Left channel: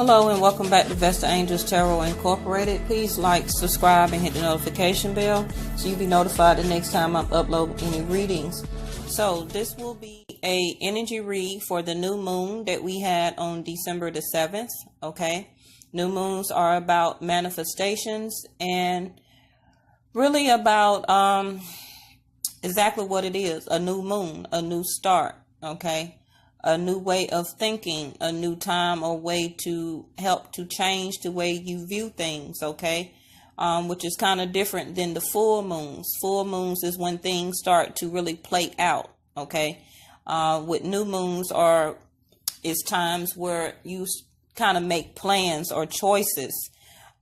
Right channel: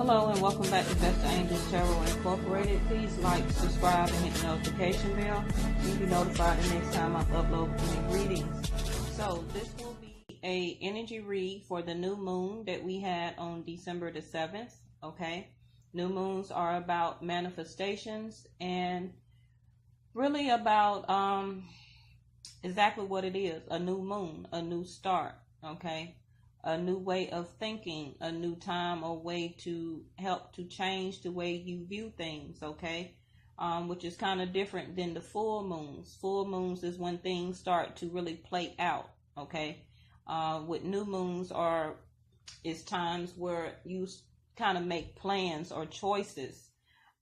Hello and welcome back to Vesta Angels Tarot Incorporated. Please like, subscribe, and hit the notification bell so you'll be notified the next time I upload any readings. So this will be a energy read for the new moon that we had on December the 7th. Okay, new moons are about manifestations and really about exactly what it is: a new moon, a new start. Okay. A new way of thinking, a new time or way to help to change the way you view things, okay? Which is kind of different than the full moons. Full moons is when things start to really play out, okay? With new moons is times where you kind of make plans or choices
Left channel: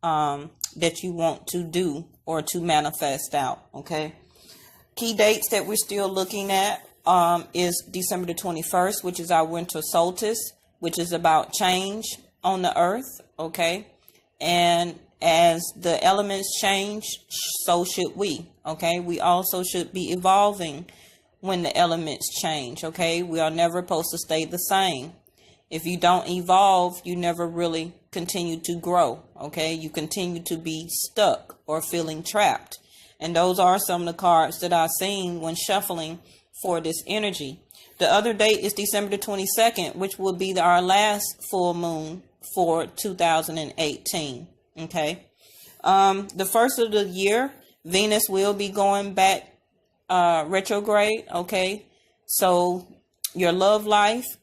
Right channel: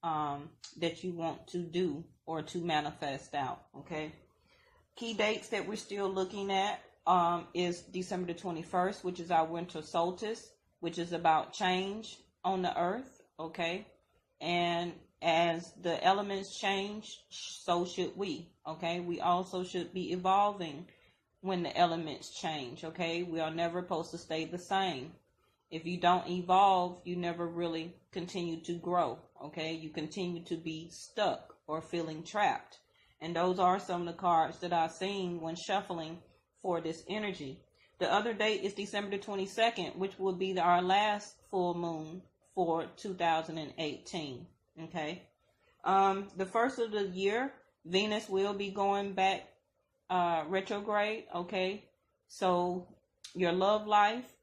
that you want to do or to manifest out, okay? Key dates that we're still looking at is December the 21st, which is our winter solstice, which is about change on the earth, okay? And as the elements change, so should we, okay? We also should be evolving when the elements change, okay? We are never supposed to stay the same. If you don't evolve, you never really continue to grow, okay? You continue to be stuck or feeling trapped. And those are some of the cards that I've seen when shuffling for this energy. The other date is December the 22nd, which will be our last full moon for 2018. Okay. The first of the year, Venus will be going back retrograde. Okay. So your love life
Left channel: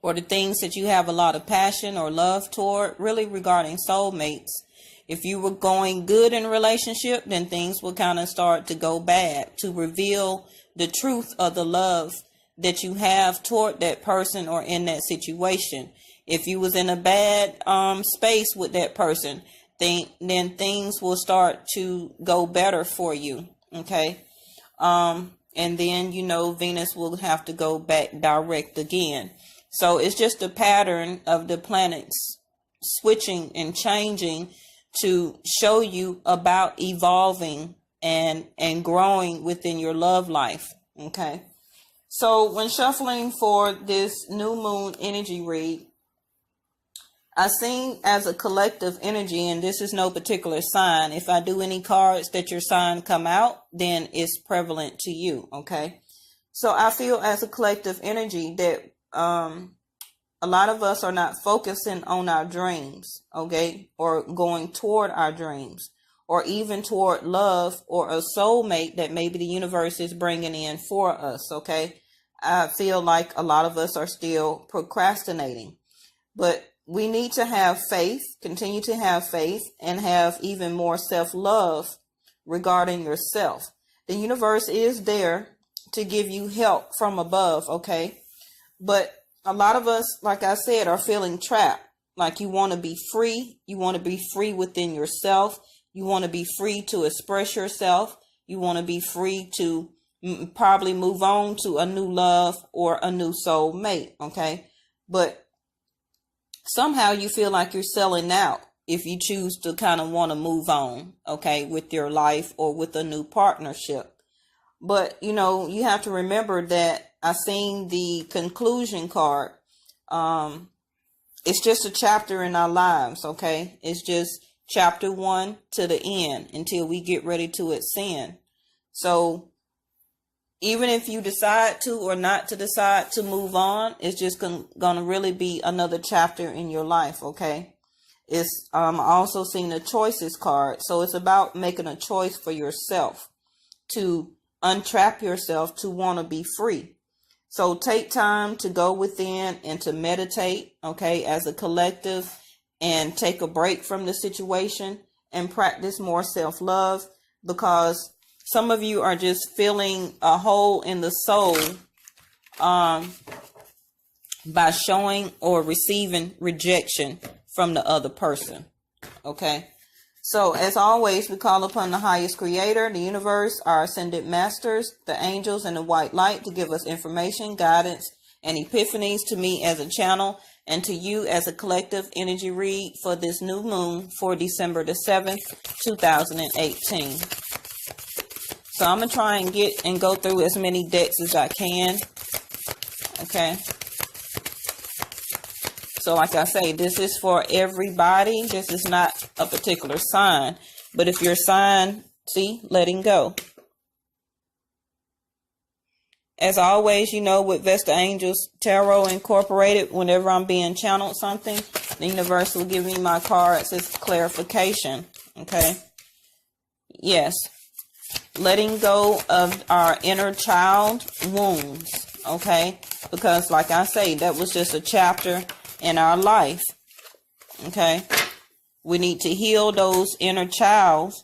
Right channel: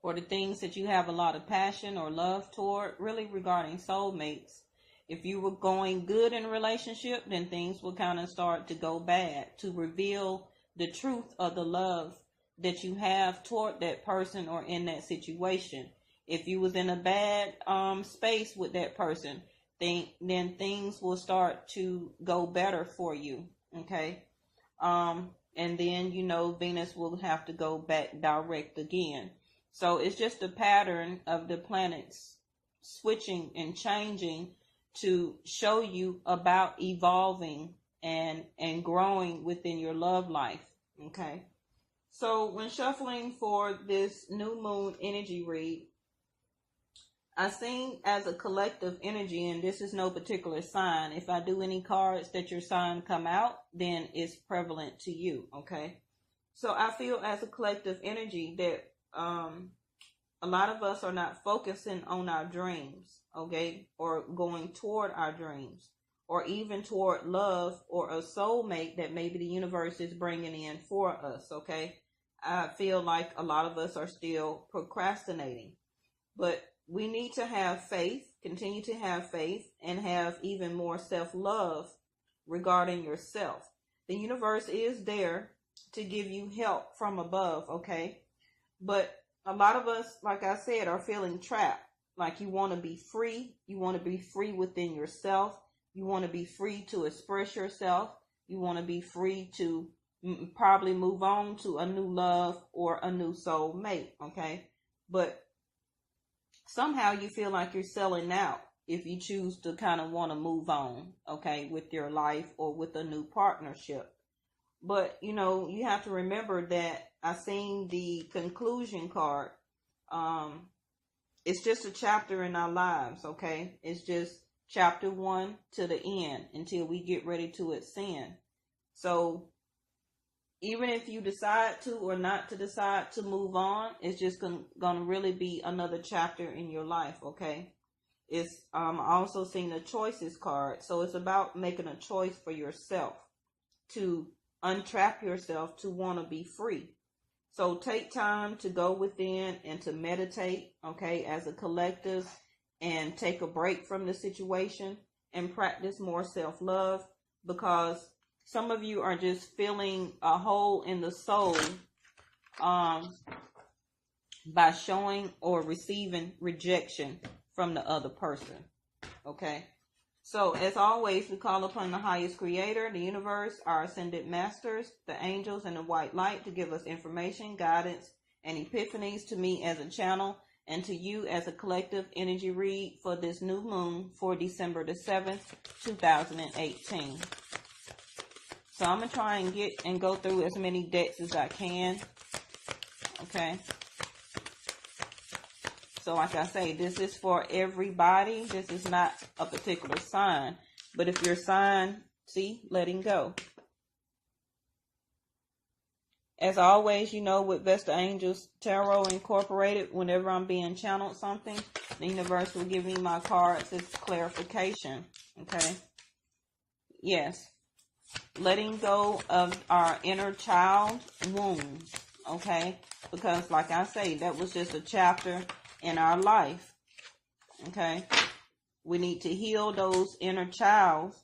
or the things that you have a lot of passion or love toward, really regarding soulmates. If you were going good in a relationship, then things will kind of start to go bad, to reveal the truth of the love that you have toward that person or in that situation. If you was in a bad space with that person, then things will start to go better for you. Okay. And then, Venus will have to go back direct again. So it's just a pattern of the planets switching and changing to show you about evolving and growing within your love life. Okay. So when shuffling for this new moon energy read, I seen as a collective energy, and this is no particular sign. If I do any cards that your sign come out, then it's prevalent to you. Okay. So I feel as a collective energy that a lot of us are not focusing on our dreams, okay, or going toward our dreams, or even toward love or a soulmate that maybe the universe is bringing in for us, okay? I feel like a lot of us are still procrastinating, but we need to have faith, continue to have faith, and have even more self-love regarding yourself. The universe is there to give you help from above, okay? But a lot of us, like I said, are feeling trapped. Like you want to be free. You want to be free within yourself. You want to be free to express yourself. You want to be free to probably move on to a new love or a new soul mate. Okay. But somehow you feel like you're selling out if you choose to kind of want to move on. Okay. With your life or with a new partnership. But, you have to remember that I seen the conclusion card. It's just a chapter in our lives, okay? It's just chapter 1 to the end until we get ready to ascend. So even if you decide to or not to decide to move on, it's just going to really be another chapter in your life, okay? It's also seen a choices card. So it's about making a choice for yourself to untrap yourself to want to be free. So take time to go within and to meditate, okay, as a collective, and take a break from the situation and practice more self-love, because some of you are just feeling a hole in the soul by showing or receiving rejection from the other person, okay? So, as always, we call upon the highest creator, the universe, our ascended masters, the angels, and the white light to give us information, guidance, and epiphanies to me as a channel and to you as a collective energy read for this new moon for December the 7th, 2018. So, I'm going to try and go through as many decks as I can. Okay. So like I say, this is for everybody. This is not a particular sign. But if your sign, see, letting go. As always, you know, with Vesta Angels Tarot Incorporated, whenever I'm being channeled something, the universe will give me my cards as clarification. Okay? Yes. Letting go of our inner child wounds. Okay? Because like I say, that was just a chapter in our life. Okay? We need to heal those inner child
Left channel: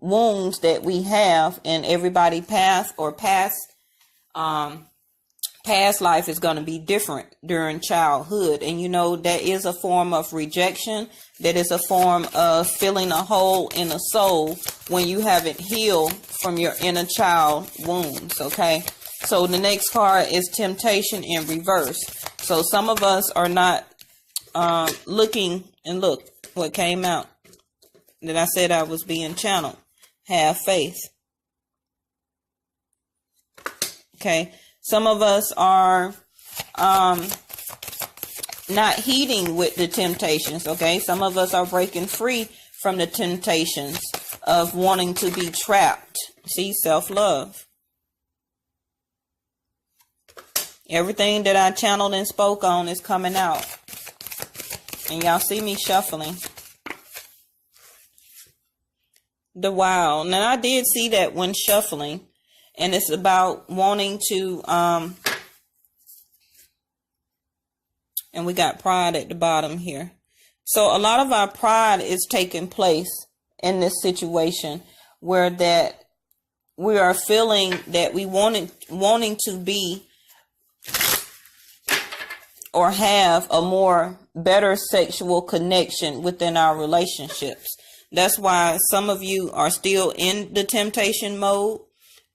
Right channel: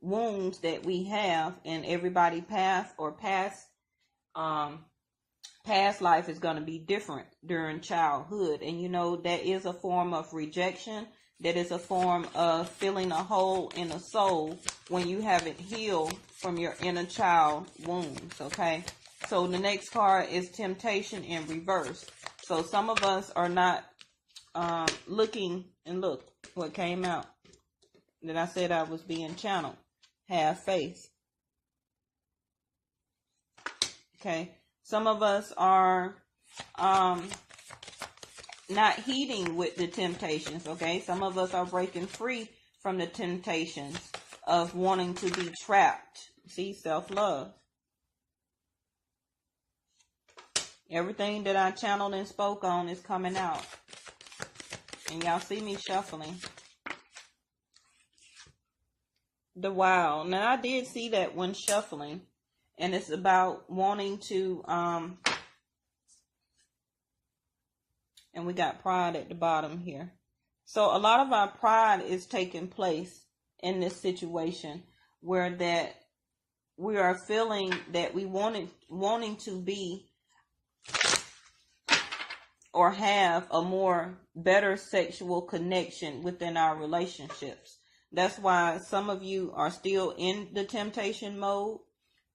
wounds that we have, and everybody past life is going to be different during childhood. And you know, that is a form of rejection. That is a form of filling a hole in the soul when you haven't healed from your inner child wounds. Okay, so the next card is temptation in reverse. So some of us are not looking, and look what came out that I said I was being channeled. Have faith. Okay, some of us are not heeding with the temptations. Okay, some of us are breaking free from the temptations of wanting to be trapped. See, self-love. Everything that I channeled and spoke on is coming out. And y'all see me shuffling. The Wow. Now, I did see that when shuffling. And it's about wanting to, and we got pride at the bottom here. So a lot of our pride is taking place in this situation where that we are feeling that we wanting to be or have a more better sexual connection within our relationships. That's why some of you are still in the temptation mode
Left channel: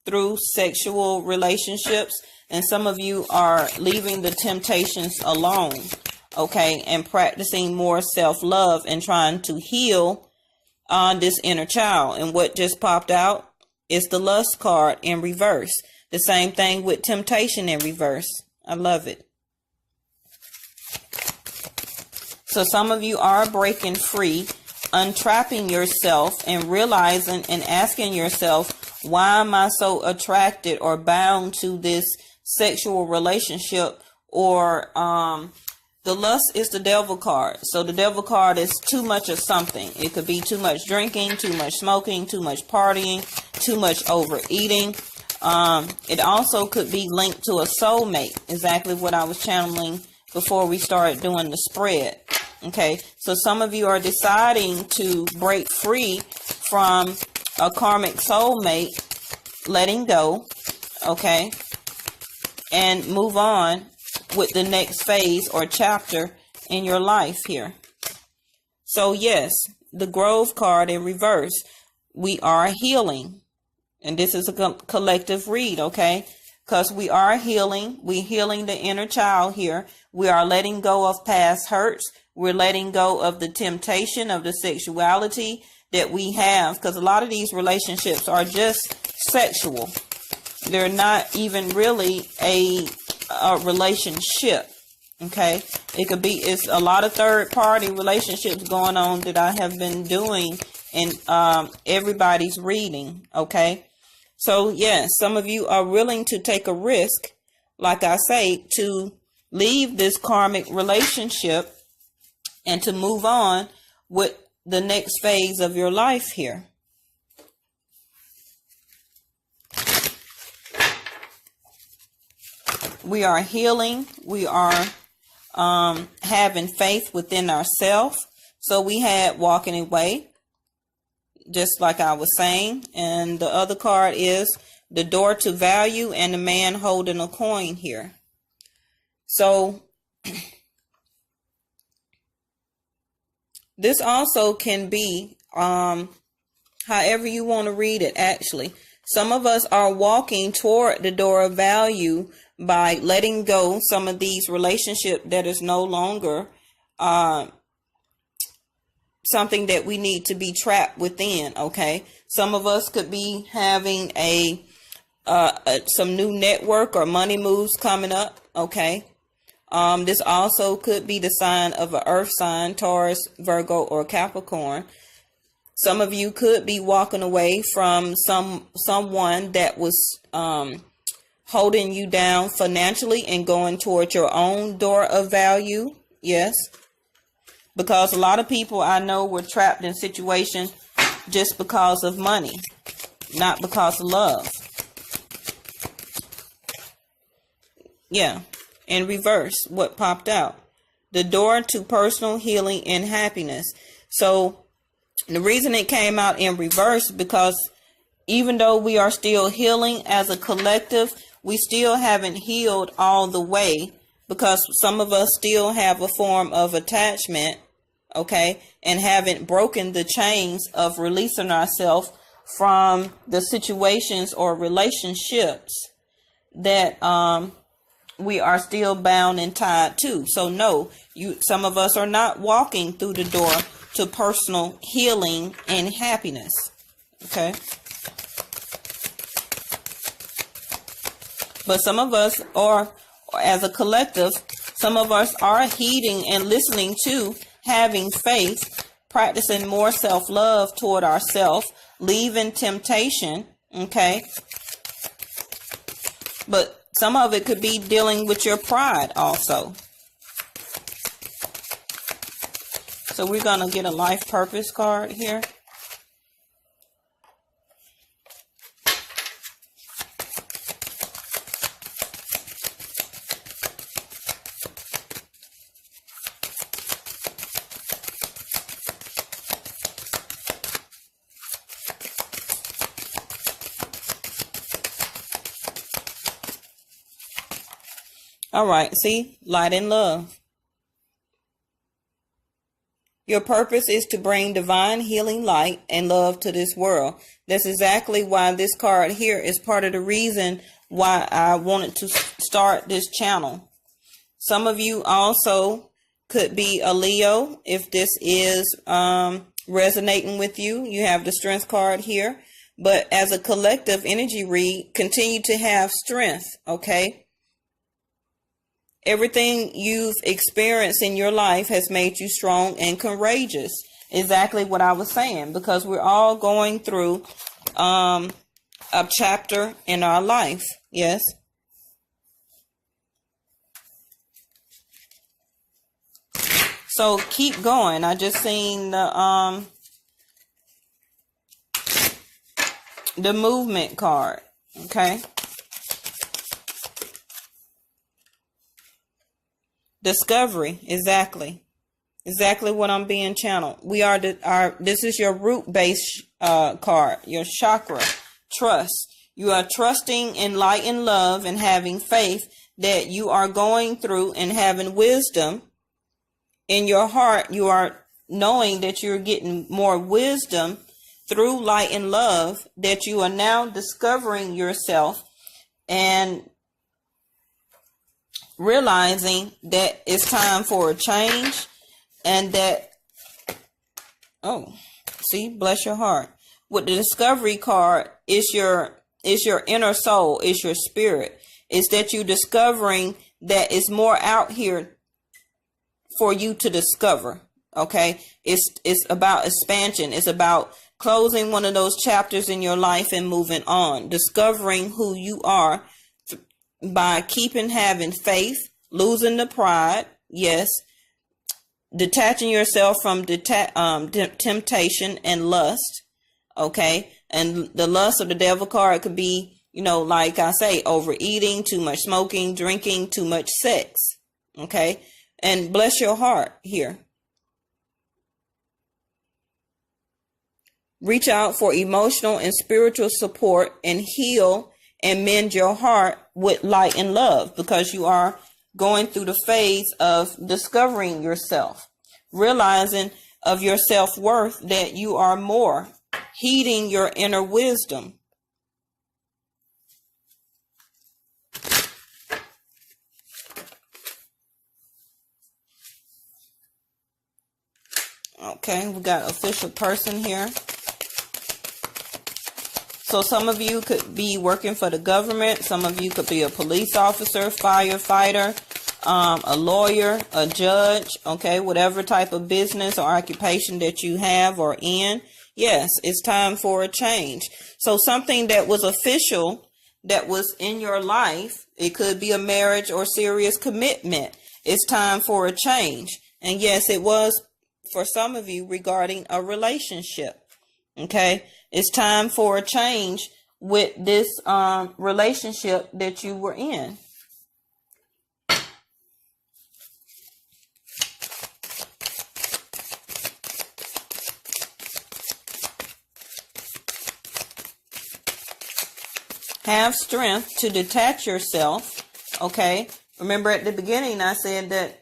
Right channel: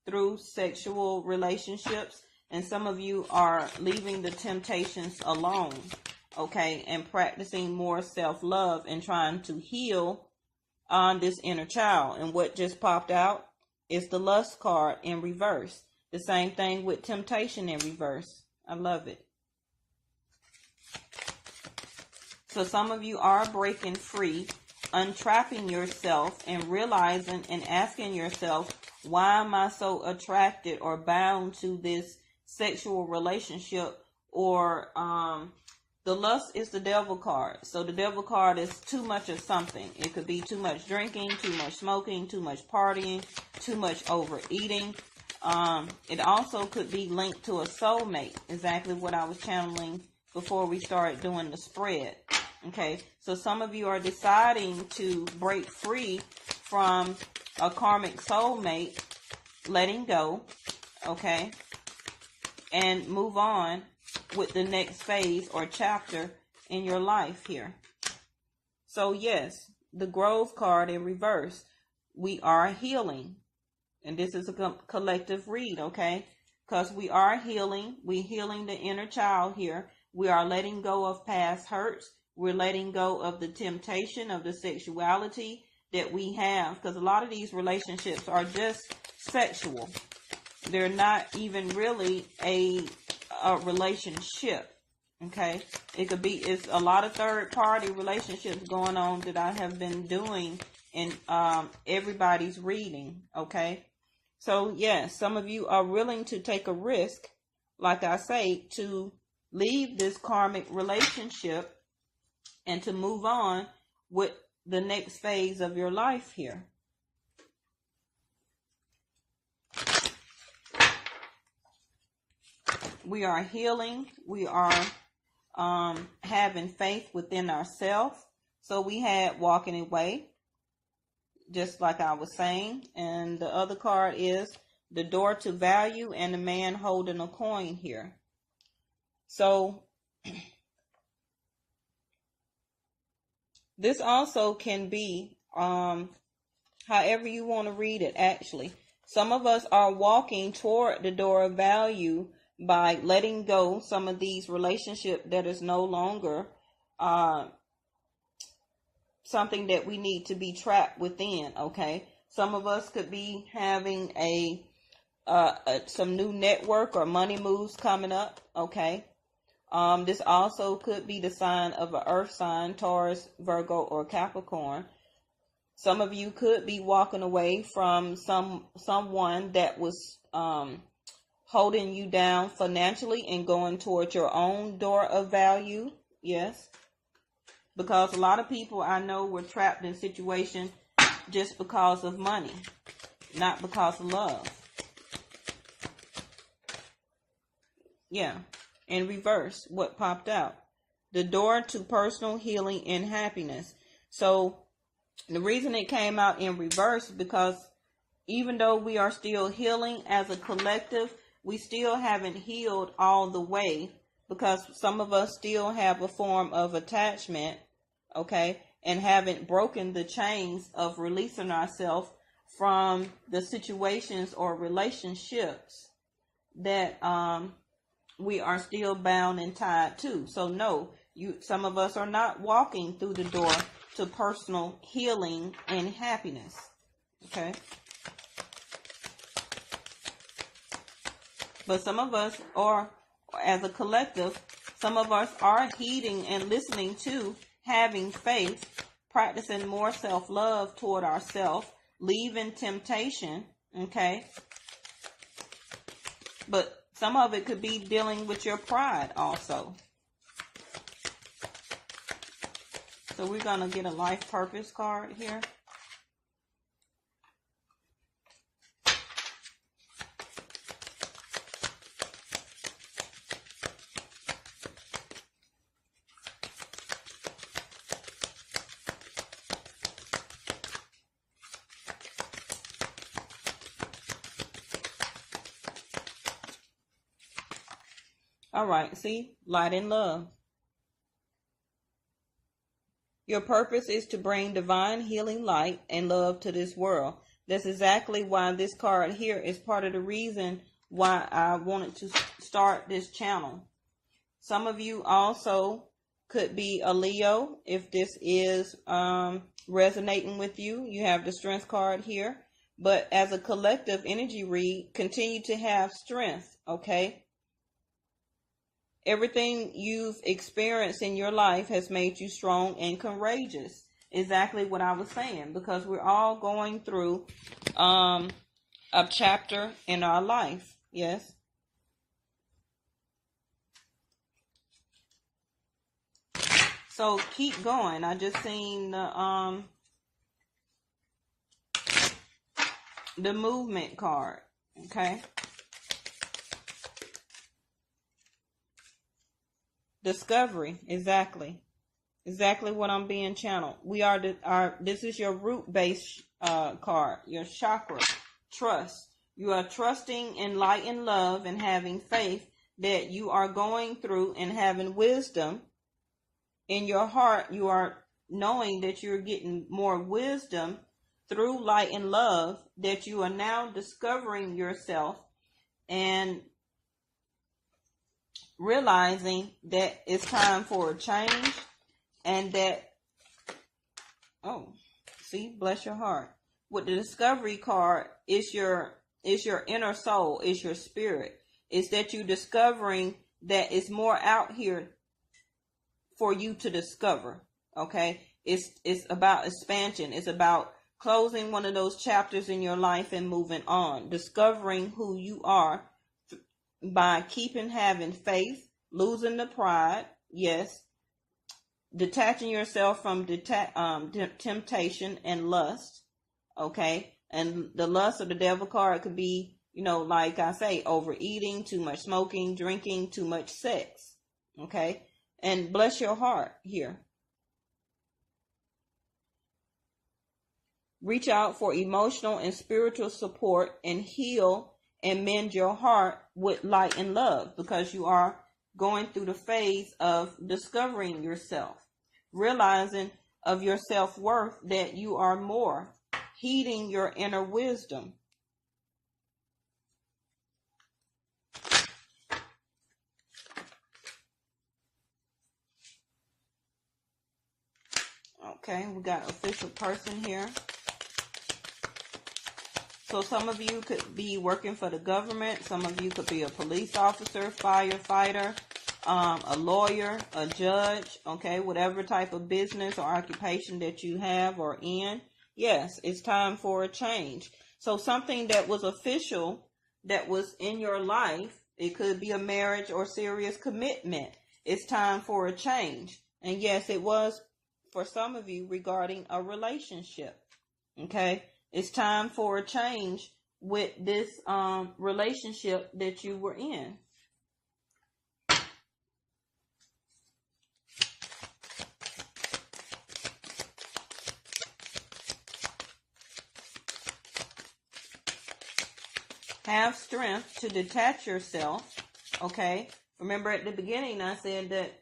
through sexual relationships, and some of you are leaving the temptations alone, okay, and practicing more self-love and trying to heal on this inner child. And what just popped out is the lust card in reverse. The same thing with temptation in reverse. I love it. So some of you are breaking free, untrapping yourself and realizing and asking yourself, why am I so attracted or bound to this sexual relationship? Or the lust is the devil card. So the devil card is too much of something. It could be too much drinking, too much smoking, too much partying, too much overeating. It also could be linked to a soulmate. Exactly what I was channeling before we started doing the spread. Okay, so some of you are deciding to break free from a karmic soulmate, letting go, okay, and move on with the next phase or chapter in your life here. So yes, the Grove card in reverse, we are healing, and this is a collective read, okay, because we are healing. We're healing the inner child here. We are letting go of past hurts. We're letting go of the temptation of the sexuality that we have, because a lot of these relationships are just sexual. They're not even really a relationship. Okay, it could be, it's a lot of third party relationships going on that I have been doing in everybody's reading. Okay, so yes, some of you are willing to take a risk, like I say, to leave this karmic relationship and to move on with the next phase of your life here. We are healing. We are having faith within ourselves. So we had walking away, just like I was saying. And the other card is the door to value and the man holding a coin here. So this also can be however you want to read it, actually. Some of us are walking toward the door of value by letting go some of these relationships that is no longer something that we need to be trapped within, okay? Some of us could be having some new network or money moves coming up, okay? This also could be the sign of an earth sign, Taurus, Virgo, or Capricorn. Some of you could be walking away from someone that was holding you down financially and going toward your own door of value. Yes. Because a lot of people I know were trapped in situations just because of money, not because of love. Yeah. In reverse, what popped out? The door to personal healing and happiness. So the reason it came out in reverse, because even though we are still healing as a collective, we still haven't healed all the way, because some of us still have a form of attachment, okay, and haven't broken the chains of releasing ourselves from the situations or relationships that we are still bound and tied to. So no, some of us are not walking through the door to personal healing and happiness. Okay. But some of us are, as a collective, some of us are heeding and listening to having faith, practicing more self-love toward ourselves, leaving temptation. Okay. But some of it could be dealing with your pride also. So we're going to get a life purpose card here. All right, see, light and love. Your purpose is to bring divine healing light and love to this world. That's exactly why this card here is part of the reason why I wanted to start this channel. Some of you also could be a Leo. If this is resonating with you, you have the strength card here. But as a collective energy read, continue to have strength, okay? Everything you've experienced in your life has made you strong and courageous. Exactly what I was saying, because we're all going through a chapter in our life. Yes. So keep going. I just seen the movement card. Okay. Discovery, exactly what I'm being channeled. We are this is your root base card, your chakra, trust. You are trusting in light and love and having faith that you are going through and having wisdom in your heart. You are knowing that you're getting more wisdom through light and love, that you are now discovering yourself and realizing that it's time for a change, and that, oh, see, bless your heart. With the discovery card, it's your inner soul, it's your spirit. It's that you're discovering that it's more out here for you to discover. Okay, it's about expansion. It's about closing one of those chapters in your life and moving on, discovering who you are by having faith, losing the pride, yes, detaching yourself from temptation and lust, okay? And the lust of the devil card could be, like I say, overeating, too much smoking, drinking, too much sex, okay? And bless your heart here. Reach out for emotional and spiritual support and heal and mend your heart with light and love, because you are going through the phase of discovering yourself, realizing of your self-worth, that you are more, heeding your inner wisdom. Okay, we got official person here. So some of you could be working for the government. Some of you could be a police officer, firefighter, a lawyer, a judge, okay, whatever type of business or occupation that you have or in, yes, it's time for a change. So something that was official, that was in your life, it could be a marriage or serious commitment. It's time for a change. And yes, it was for some of you regarding a relationship. Okay, it's time for a change with this relationship that you were in. Have strength to detach yourself. Okay, remember at the beginning I said that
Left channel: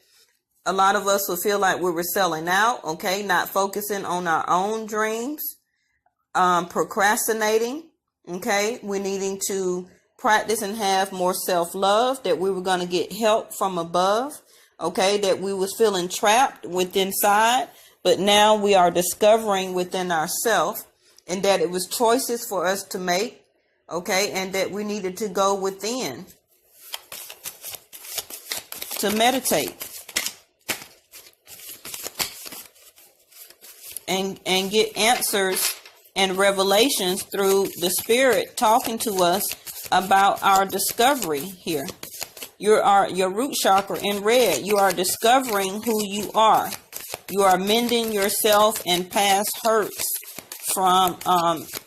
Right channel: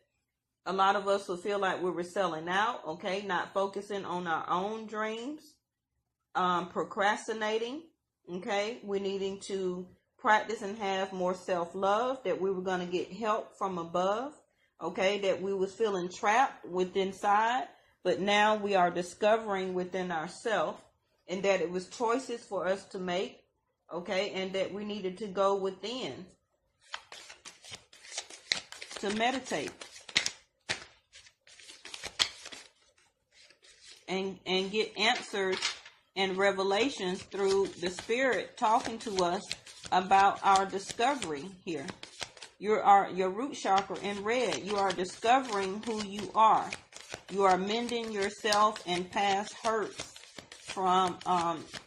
a lot of us will feel like we were selling out. Okay, not focusing on our own dreams, procrastinating. Okay, we're needing to practice and have more self-love, that we were going to get help from above. Okay, that we was feeling trapped within inside, but now we are discovering within ourselves, and that it was choices for us to make. Okay, and that we needed to go within to meditate and get answers and revelations through the spirit talking to us about our discovery here. Your root chakra in red. You are discovering who you are. You are mending yourself and past hurts from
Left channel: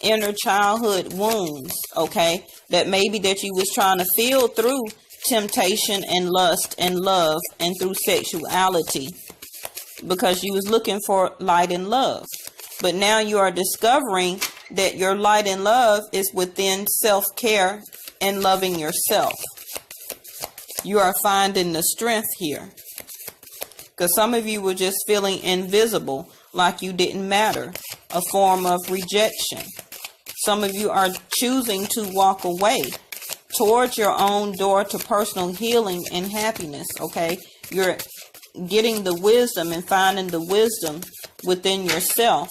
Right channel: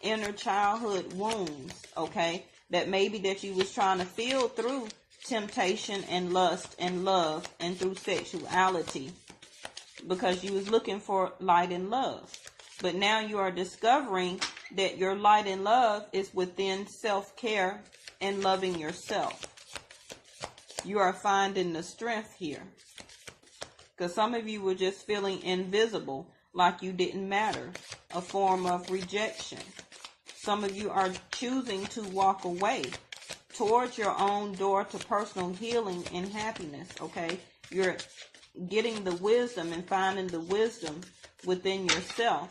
inner childhood wounds, okay, that maybe that you was trying to feel through temptation and lust and love and through sexuality, because you was looking for light and love. But now you are discovering that your light and love is within self-care and loving yourself. You are finding the strength here, because some of you were just feeling invisible, like you didn't matter, a form of rejection. Some of you are choosing to walk away towards your own door to personal healing and happiness, okay? You're getting the wisdom and finding the wisdom within yourself.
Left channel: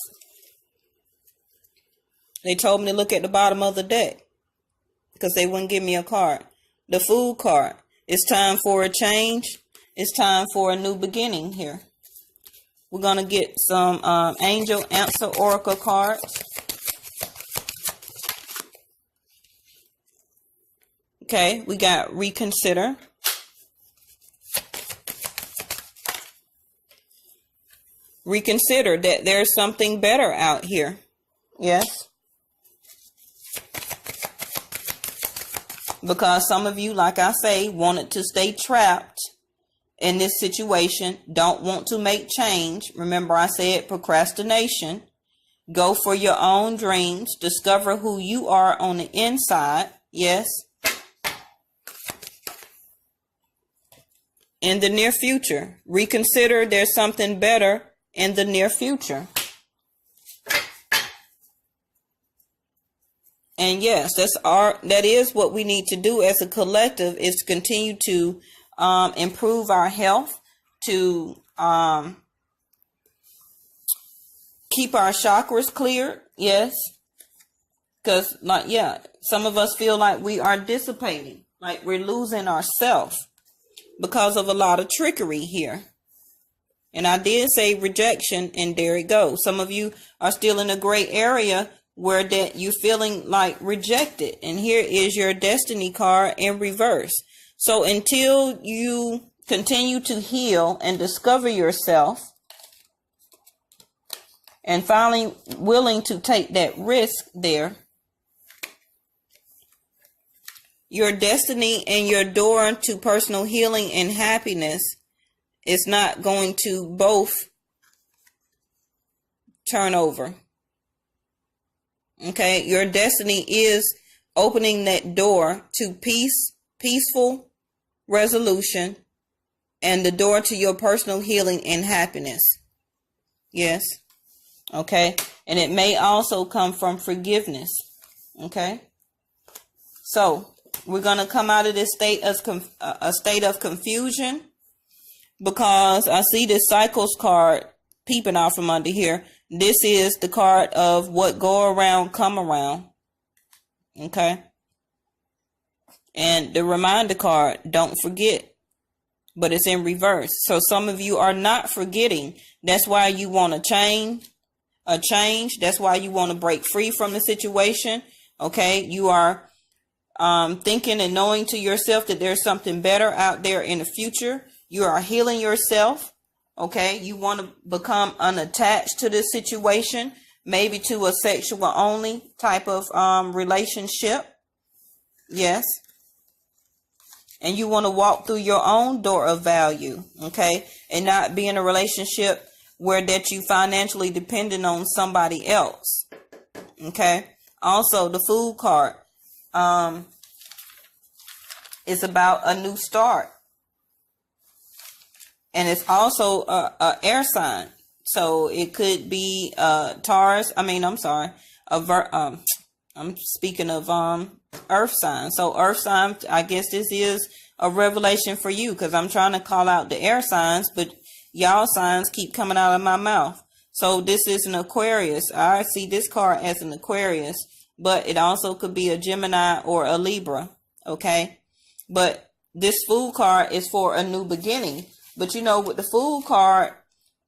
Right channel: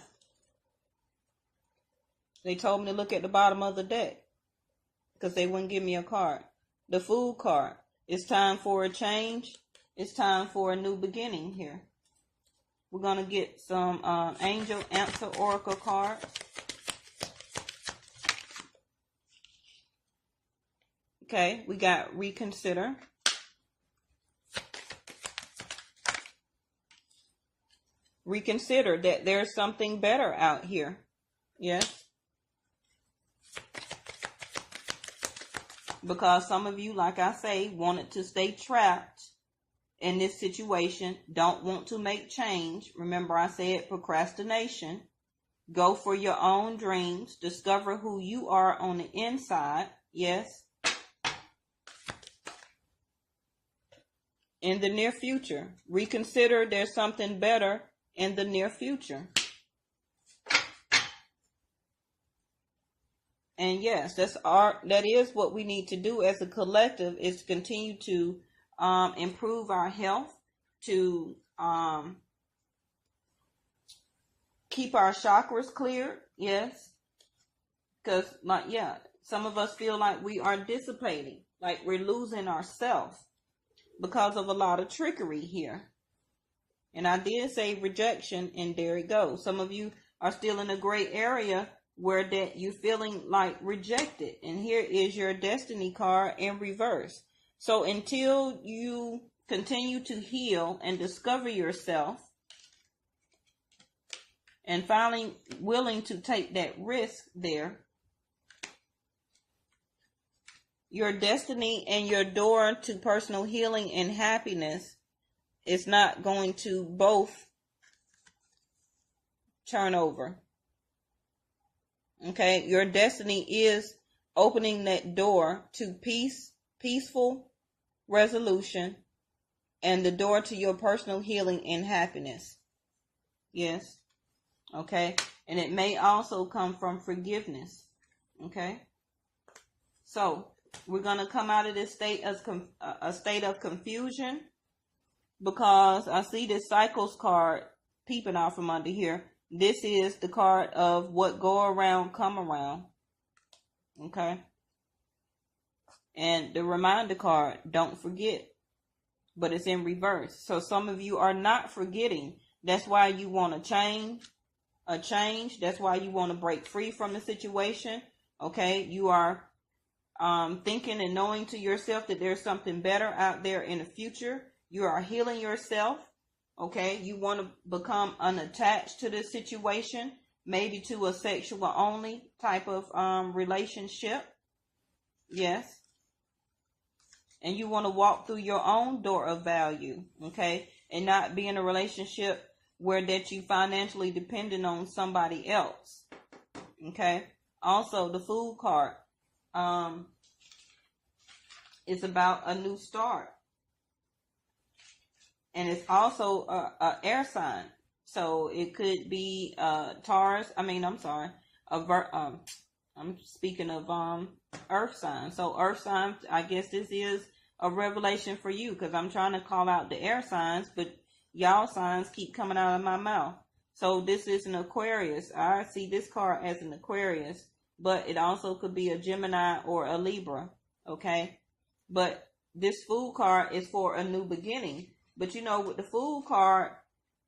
They told me to look at the bottom of the deck because they wouldn't give me a card. The Fool card. It's time for a change. It's time for a new beginning here. We're going to get some Angel Answer Oracle cards. Okay, we got Reconsider. Reconsider that there's something better out here. Yes. Because some of you, like I say, wanted to stay trapped in this situation, don't want to make change. Remember I said procrastination. Go for your own dreams. Discover who you are on the inside. Yes. In the near future. Reconsider there's something better in the near future. And yes, that is what we need to do as a collective, is to continue to improve our health, to keep our chakras clear. Yes, because some of us feel like we are dissipating, like we're losing ourselves because of a lot of trickery here. And I did say rejection, and there it goes. Some of you are still in a gray area where that you're feeling like rejected, and here is your destiny card in reverse. So until you continue to heal and discover yourself, and finally willing to take that risk there, your destiny and your door to personal healing and happiness is not going to both turn over. Okay, your destiny is opening that door to peaceful resolution, and the door to your personal healing and happiness. Yes. Okay, and it may also come from forgiveness. Okay, so we're going to come out of this state as a state of confusion, because I see this Cycles card peeping out from under here. This is the card of what go around, come around. Okay. And the reminder card, don't forget. but it's in reverse. So some of you are not forgetting. That's why you want a change. That's why you want to break free from the situation. Okay, you are thinking and knowing to yourself that there's something better out there in the future. You are healing yourself. Okay, you want to become unattached to this situation, maybe to a sexual only type of relationship. Yes. And you want to walk through your own door of value, okay, and not be in a relationship where that you financially dependent on somebody else. Okay. Also, the Fool card is about a new start. And it's also a air sign. So it could be Taurus. I'm speaking of earth sign. So earth sign, I guess this is a revelation for you, because I'm trying to call out the air signs, but y'all signs keep coming out of my mouth. So this is an Aquarius. I see this card as an Aquarius, but it also could be a Gemini or a Libra. Okay. But this Fool card is for a new beginning. But you know, with the Fool card,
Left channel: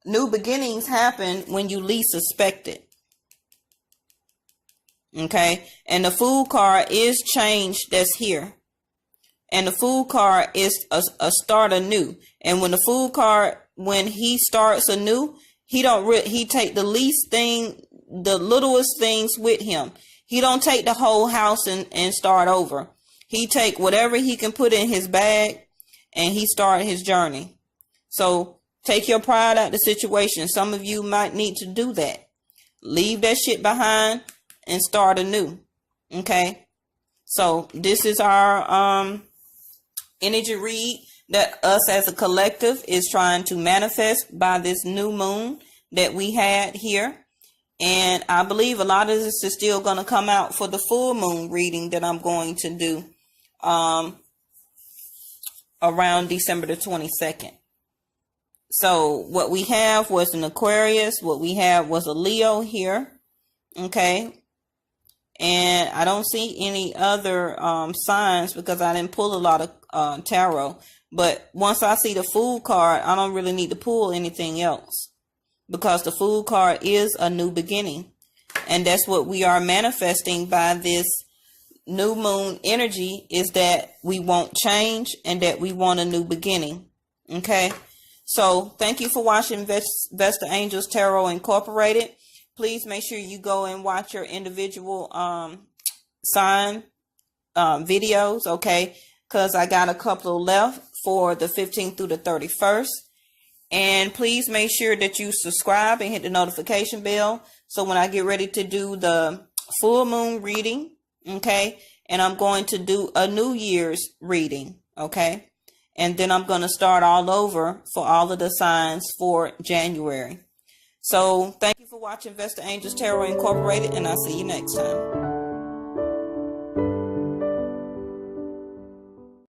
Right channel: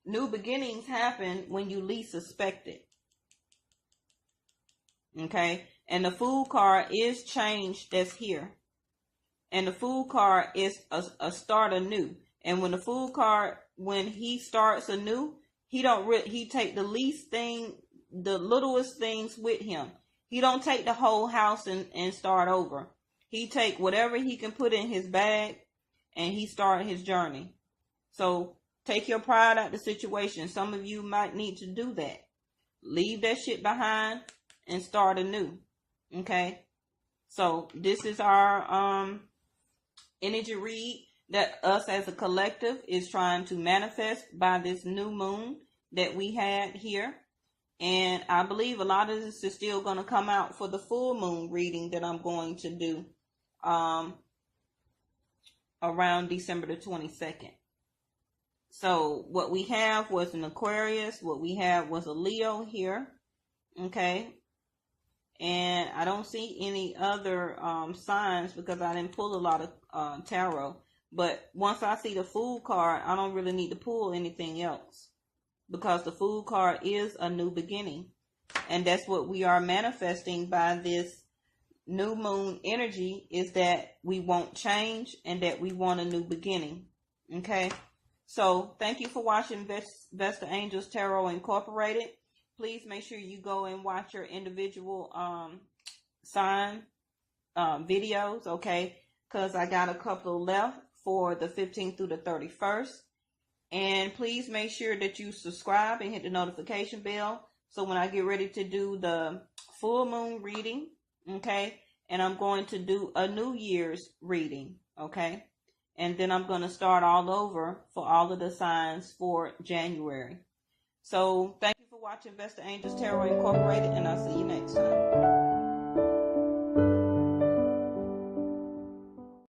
new beginnings happen when you least suspect it. Okay, and the Fool card is change that's here. And the Fool card is a start anew. And when the Fool card, when he starts anew, he take the least thing, the littlest things with him. He don't take the whole house and start over. He take whatever he can put in his bag and he start his journey. So take your pride out of the situation. Some of you might need to do that. Leave that shit behind and start anew. Okay. So this is our energy read that us as a collective is trying to manifest by this new moon that we had here. And I believe a lot of this is still going to come out for the full moon reading that I'm going to do around December the 22nd. So what we have was an Aquarius. What we have was a Leo here. Okay. And I don't see any other signs because I didn't pull a lot of tarot. But once I see the Fool card, I don't really need to pull anything else, because the Fool card is a new beginning. And that's what we are manifesting by this new moon energy, is that we want change and that we want a new beginning. Okay. So thank you for watching Vesta Angels Tarot Incorporated. Please make sure you go and watch your individual sign videos, okay? Because I got a couple left for the 15th through the 31st. And please make sure that you subscribe and hit the notification bell, so when I get ready to do the full moon reading, okay? And I'm going to do a New Year's reading, okay? And then I'm going to start all over for all of the signs for January. So thank you for watching Vesta Angels Tarot Incorporated, and I'll see you next time.